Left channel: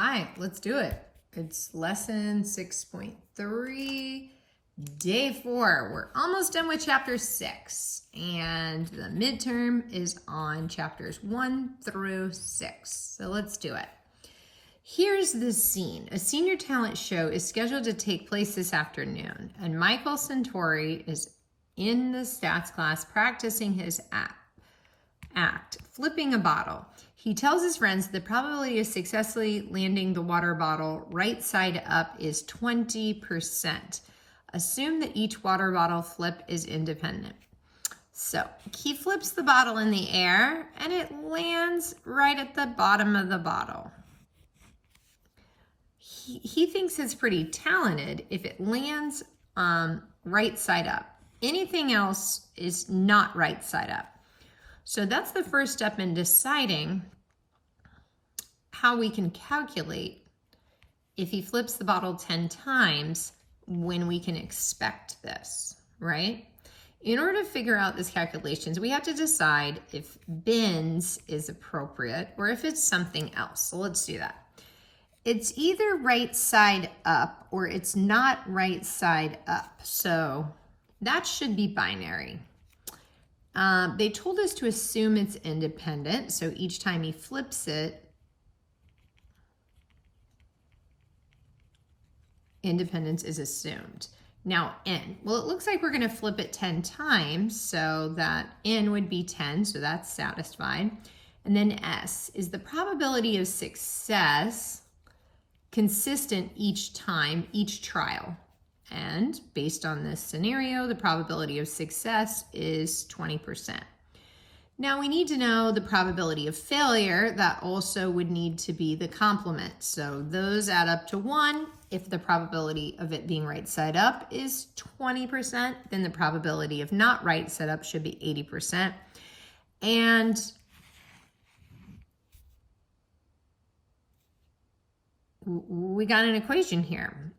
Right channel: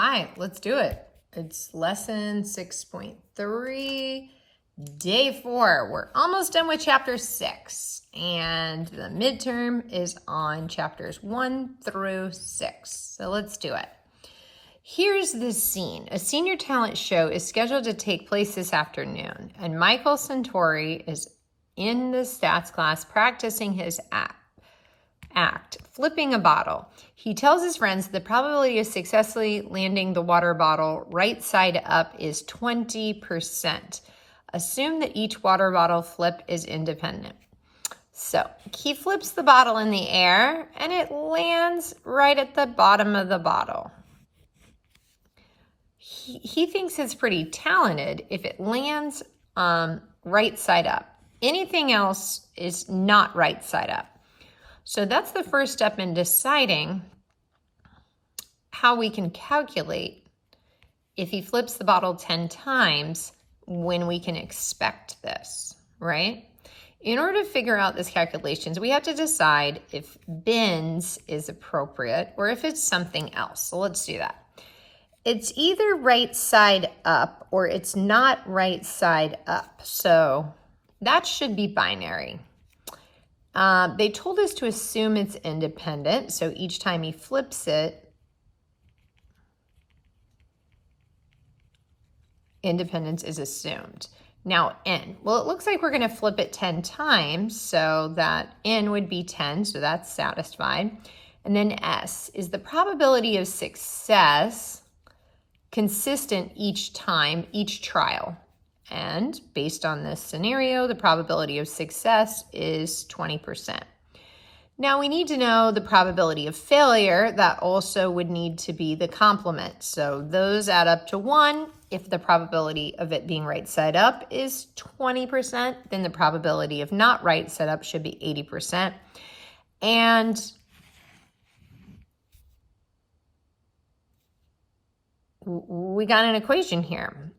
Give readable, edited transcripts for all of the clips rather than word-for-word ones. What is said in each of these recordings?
Hi, let's do it. It's lesson 6.3, day 4. We're almost done with chapter 6, and the midterm is on chapters 1 through 6. So let's do it. Here's the scene. A senior talent show is scheduled to take place this afternoon, and Michael Centauri is in the stats class practicing his act, flipping a bottle. He tells his friends the probability of successfully landing the water bottle right side up is 20%. Assume that each water bottle flip is independent. So he flips the bottle in the air and it lands right at the bottom of the bottle. He thinks it's pretty talented if it lands right side up. Anything else is not right side up. So that's the first step in deciding how we can calculate if he flips the bottle 10 times when we can expect this, right? In order to figure out this calculations, we have to decide if bins is appropriate or if it's something else. So let's do that. It's either right side up or it's not right side up. So that should be binary. They told us to assume it's independent, so each time he flips it, independence is assumed. Now n, well, it looks like we're going to flip it 10 times, so that n would be 10, so that's satisfied. And then s, is the probability of success consistent each time, each trial? And based on this scenario, the probability of success is 20%. Now we need to know the probability of failure. That also would need to be the complement. So those add up to 1. If the probability of it being right side up is 20%, then the probability of not right side up should be 80%. And we got an equation here.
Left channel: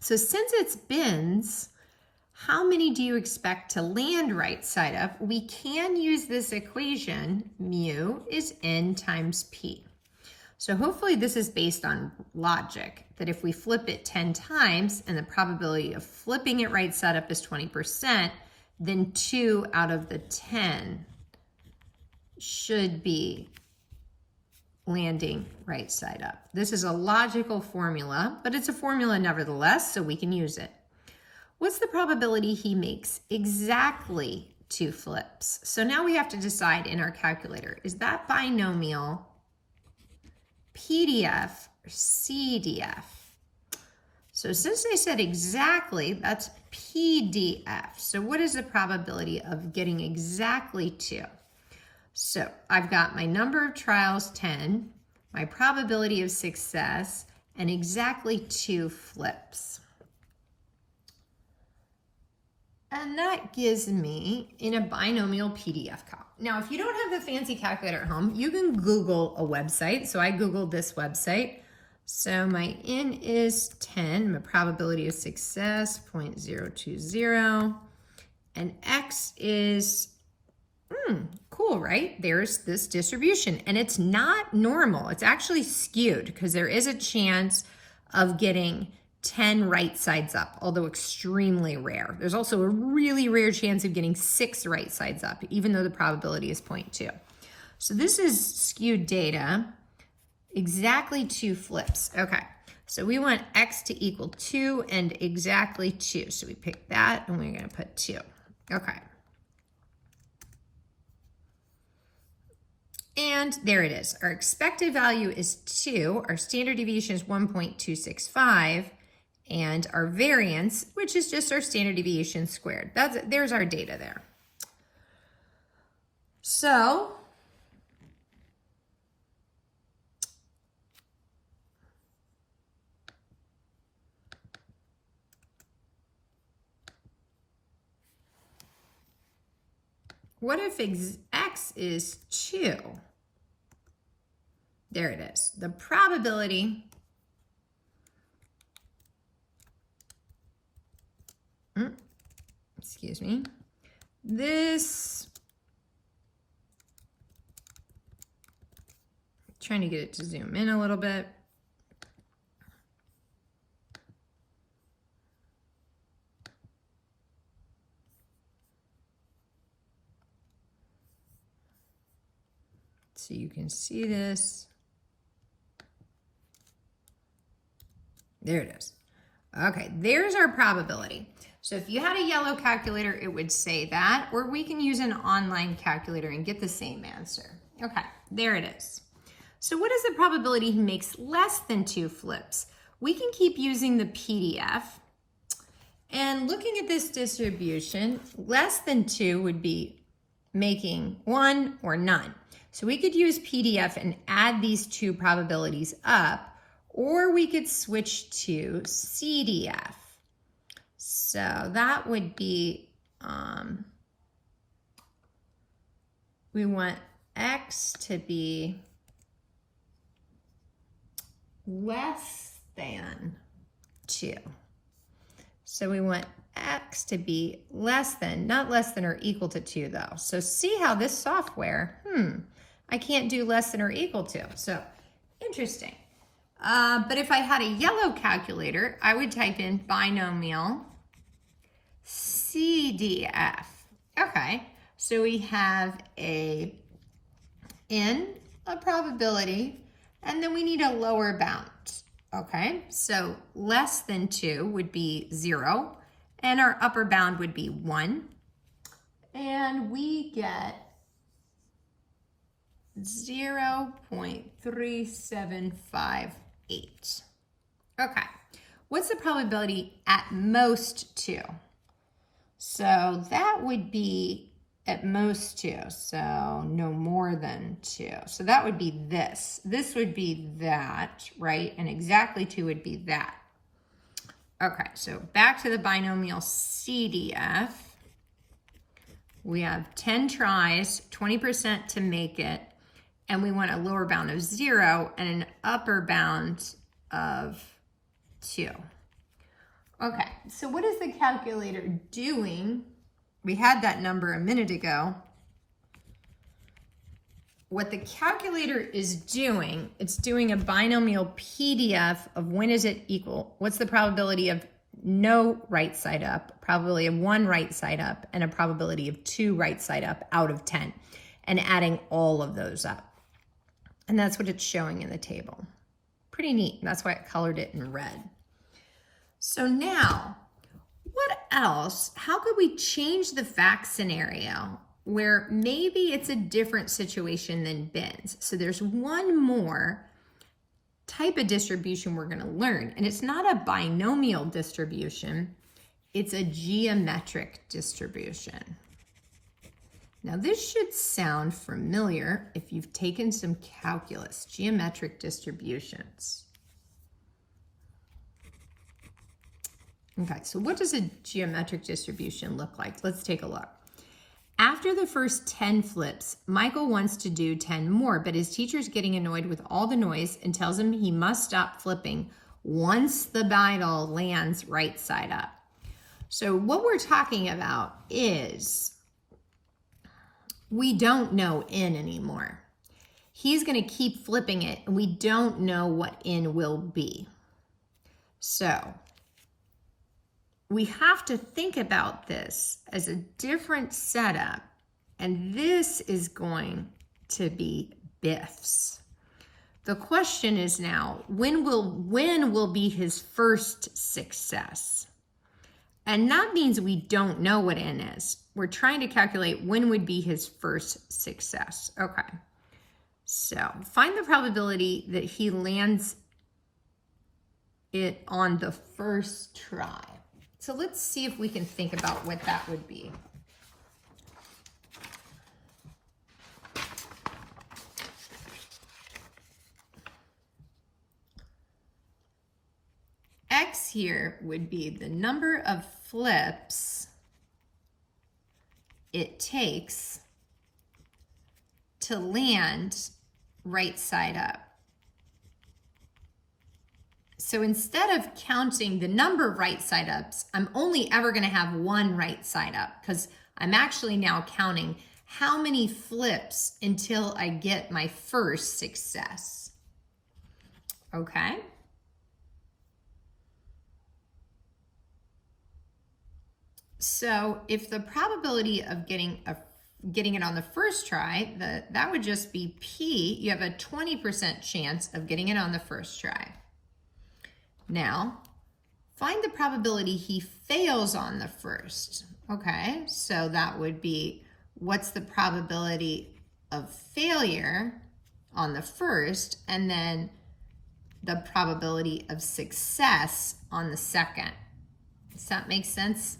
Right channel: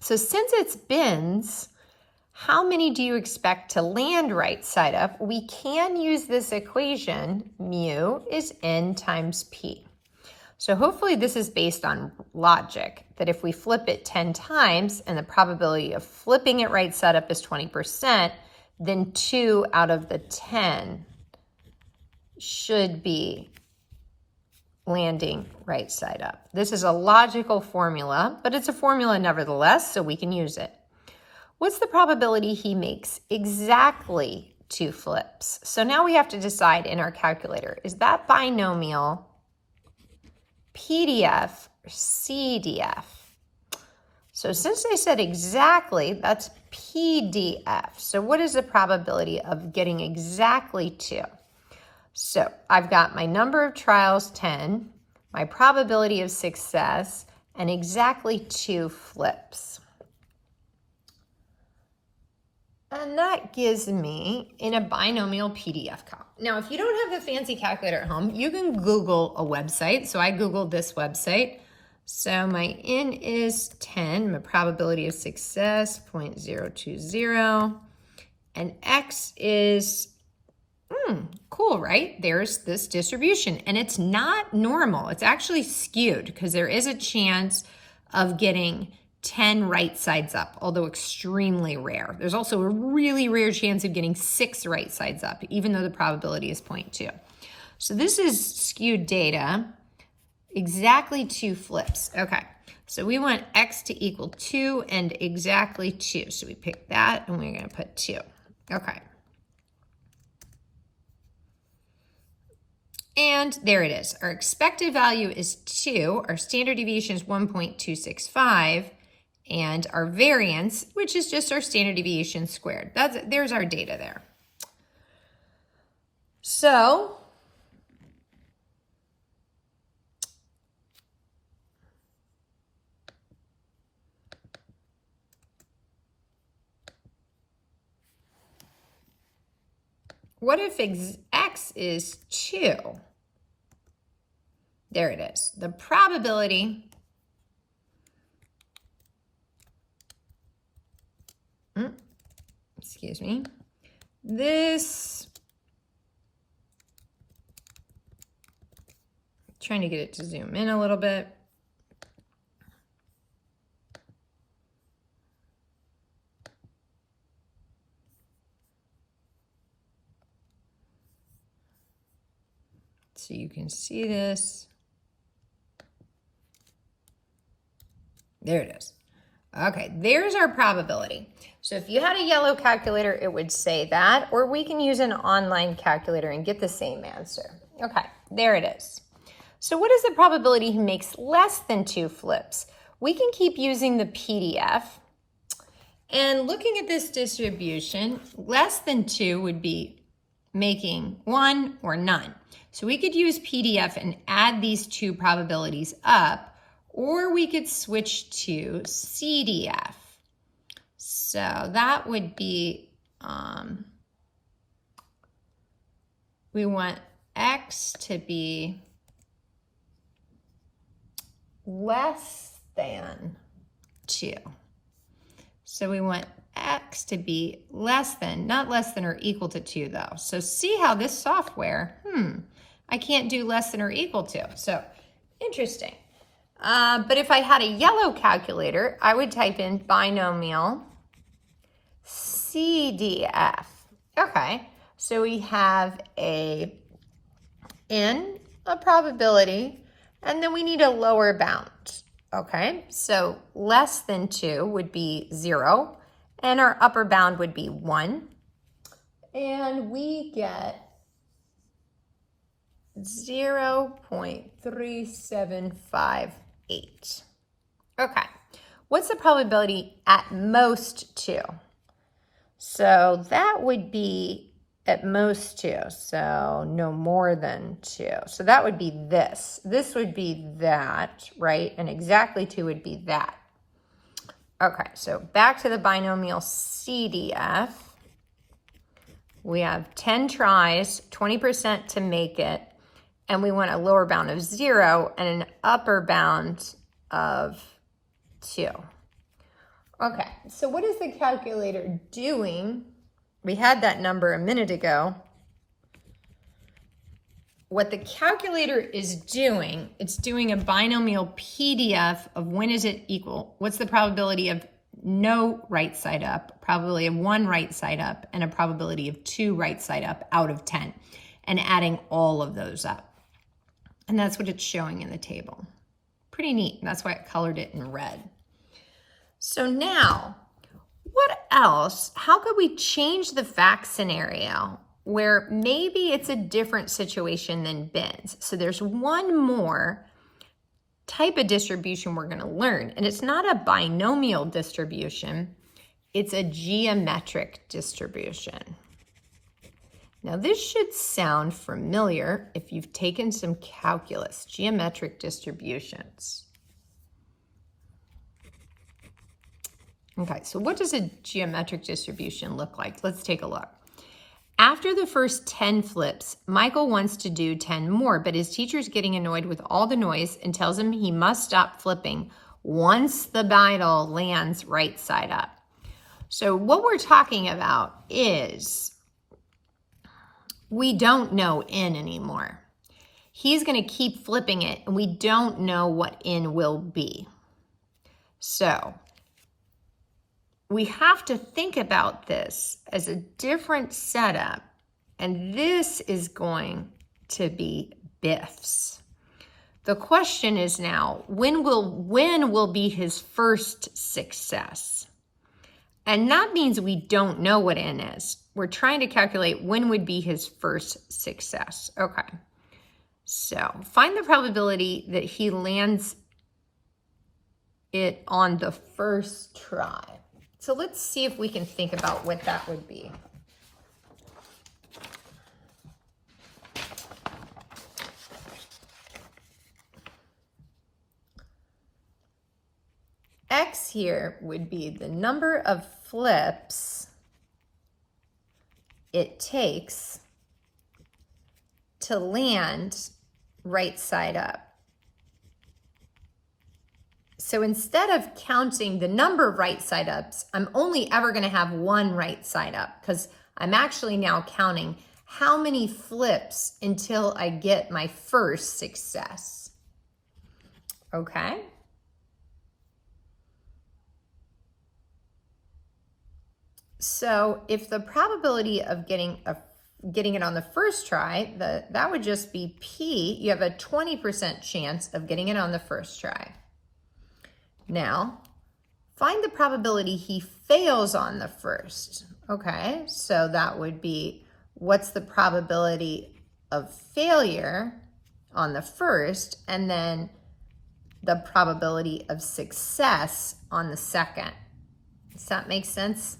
So since it's bins, how many do you expect to land right side up? We can use this equation, mu is n times p. So hopefully this is based on logic, that if we flip it 10 times and the probability of flipping it right side up is 20%, then 2 out of the 10 should be landing right side up. This is a logical formula, but it's a formula nevertheless, so we can use it. What's the probability he makes exactly 2 flips? So now we have to decide in our calculator, is that binomial PDF or CDF? So since they said exactly, that's PDF. So what is the probability of getting exactly 2? So I've got my number of trials, 10, my probability of success, and exactly 2 flips. And that gives me in a binomial PDF calc. Now, if you don't have a fancy calculator at home, you can Google a website. So I Googled this website. So my N is 10, my probability of success, 0.020, and X is cool, right? There's this distribution, and it's not normal. It's actually skewed because there is a chance of getting 10 right sides up, although extremely rare. There's also a really rare chance of getting 6 right sides up, even though the probability is 0.2. So this is skewed data, exactly 2 flips. Okay, so we want X to equal 2 and exactly 2. So we pick that and we're gonna put 2. Okay. And there it is. Our expected value is 2. Our standard deviation is 1.265. And our variance, which is just our standard deviation squared. There's our data there. So what if X is 2? There it is. The probability excuse me, this, trying to get it to zoom in a little bit. so you can see this. There it is. Okay, there's our probability. So if you had a yellow calculator, it would say that, or we can use an online calculator and get the same answer. Okay, there it is. So what is the probability he makes less than 2 flips? We can keep using the PDF. And looking at this distribution, less than 2 would be making 1 or none. So we could use PDF and add these two probabilities up, or we could switch to CDF. So that would be, we want X to be less than 2. So we want X to be less than, not less than or equal to 2 though. So see how this software, I can't do less than or equal to. So interesting. But if I had a yellow calculator, I would type in binomial CDF. Okay, so we have a probability, and then we need a lower bound. Okay, so less than 2 would be 0, and our upper bound would be 1. And we get 0.3758. Okay, what's the probability at most 2? So that would be at most 2, so no more than 2. So that would be this. This would be that, right? And exactly 2 would be that. Okay, so back to the binomial CDF. We have 10 tries, 20% to make it, and we want a lower bound of 0 and an upper bound of 2. Okay, so what is the calculator doing? We had that number a minute ago. What the calculator is doing, it's doing a binomial PDF of when is it equal? What's the probability of no right side up, probability of 1 right side up, and a probability of 2 right side up out of 10, and adding all of those up. And that's what it's showing in the table. Pretty neat. That's why I colored it in red. So now, what else? How could we change the fact scenario where maybe it's a different situation than bins? So there's one more type of distribution we're going to learn, and it's not a binomial distribution, it's a geometric distribution. Now this should sound familiar if you've taken some calculus, geometric distributions. Okay, so what does a geometric distribution look like? Let's take a look. After the first 10 flips, Michael wants to do 10 more, but his teacher's getting annoyed with all the noise and tells him he must stop flipping once the bridle lands right side up. So what we're talking about is we don't know N anymore. He's going to keep flipping it, and we don't know what N will be. So we have to think about this as a different setup, and this is going to be Biff's. The question is now, when will be his first success? And that means we don't know what N is. We're trying to calculate when would be his first success. Okay, so find the probability that he lands it on the first try. So let's see if we can think about what that would be. X here would be the number of flips it takes to land right side up. So instead of counting the number of right side ups, I'm only ever going to have 1 right side up, because I'm actually now counting how many flips until I get my first success. Okay. So if the probability of getting a getting it on the first try, that would just be P. You have a 20% chance of getting it on the first try. Now, find the probability he fails on the first. Okay, so that would be, what's the probability of failure on the first, and then the probability of success on the second. Does that make sense?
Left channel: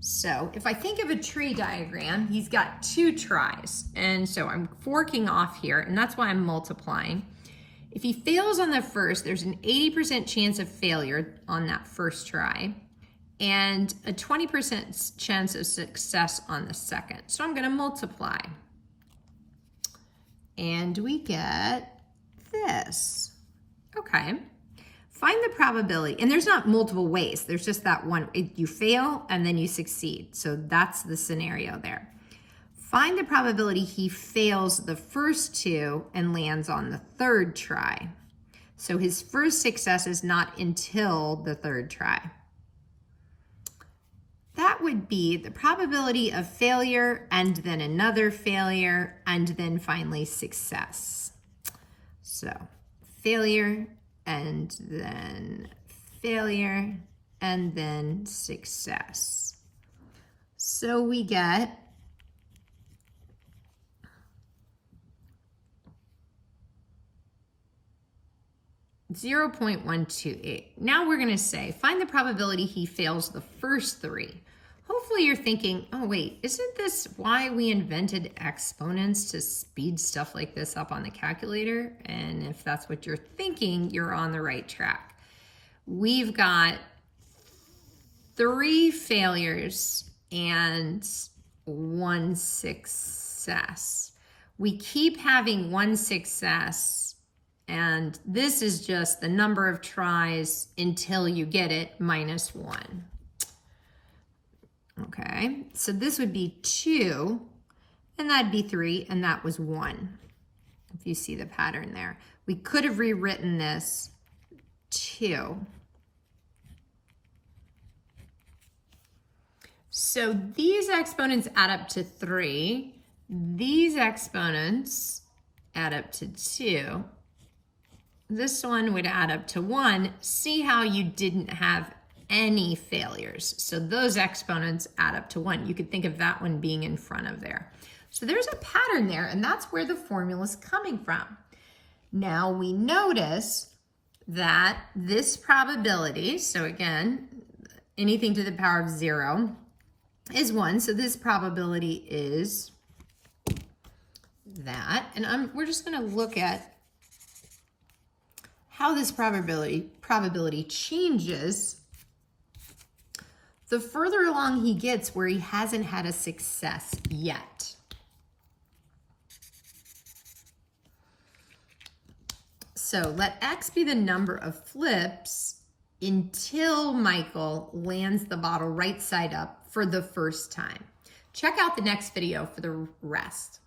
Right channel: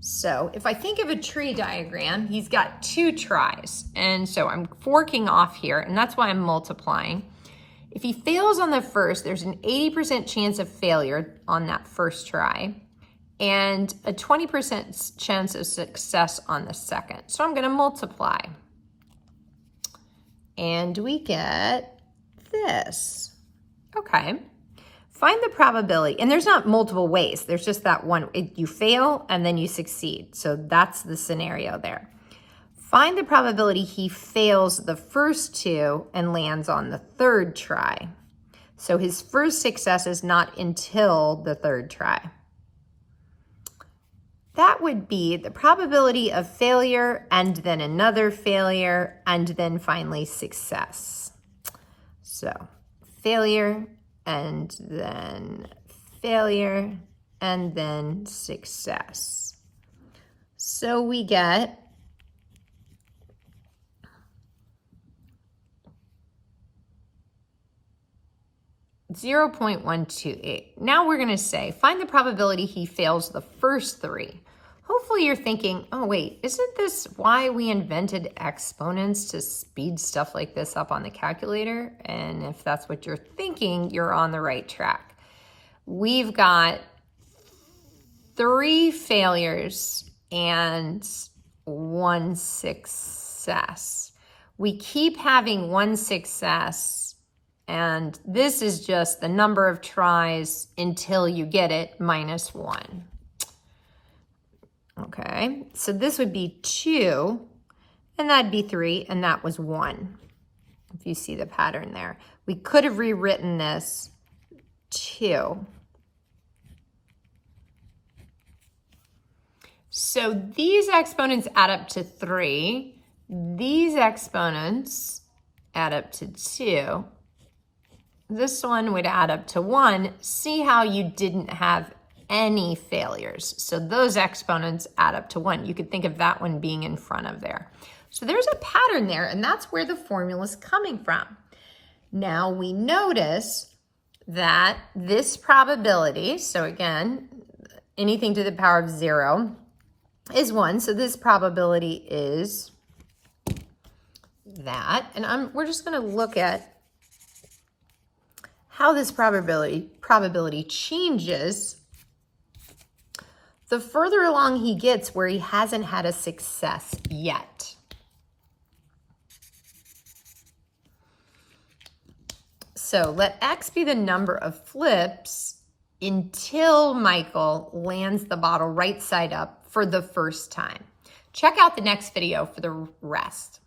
So if I think of a tree diagram, he's got 2 tries. And so I'm forking off here, and that's why I'm multiplying. If he fails on the first, there's an 80% chance of failure on that first try, and a 20% chance of success on the second. So I'm gonna multiply. And we get this. Okay. Find the probability, and there's not multiple ways, there's just that one. You fail and then you succeed. So that's the scenario there. Find the probability he fails the first 2 and lands on the 3rd try. So his first success is not until the 3rd try. That would be the probability of failure, and then another failure, and then finally success. So failure, and then failure, and then success. So we get .128. Now we're gonna say, find the probability he fails the first 3. Hopefully you're thinking, oh wait, isn't this why we invented exponents, to speed stuff like this up on the calculator? And if that's what you're thinking, you're on the right track. We've got 3 failures and 1 success. We keep having 1 success, and this is just the number of tries until you get it minus 1. Okay, so this would be 2, and that'd be 3, and that was 1. If you see the pattern there. We could have rewritten this 2. So these exponents add up to 3. These exponents add up to 2. This one would add up to 1. See how you didn't have any failures. So those exponents add up to 1. You could think of that one being in front of there. So there's a pattern there, and that's where the formula is coming from. Now we notice that this probability, so again, anything to the power of 0 is 1. So this probability is that. And we're just going to look at how this probability changes the further along he gets where he hasn't had a success yet. So let X be the number of flips until Michael lands the bottle right side up for the first time. Check out the next video for the rest.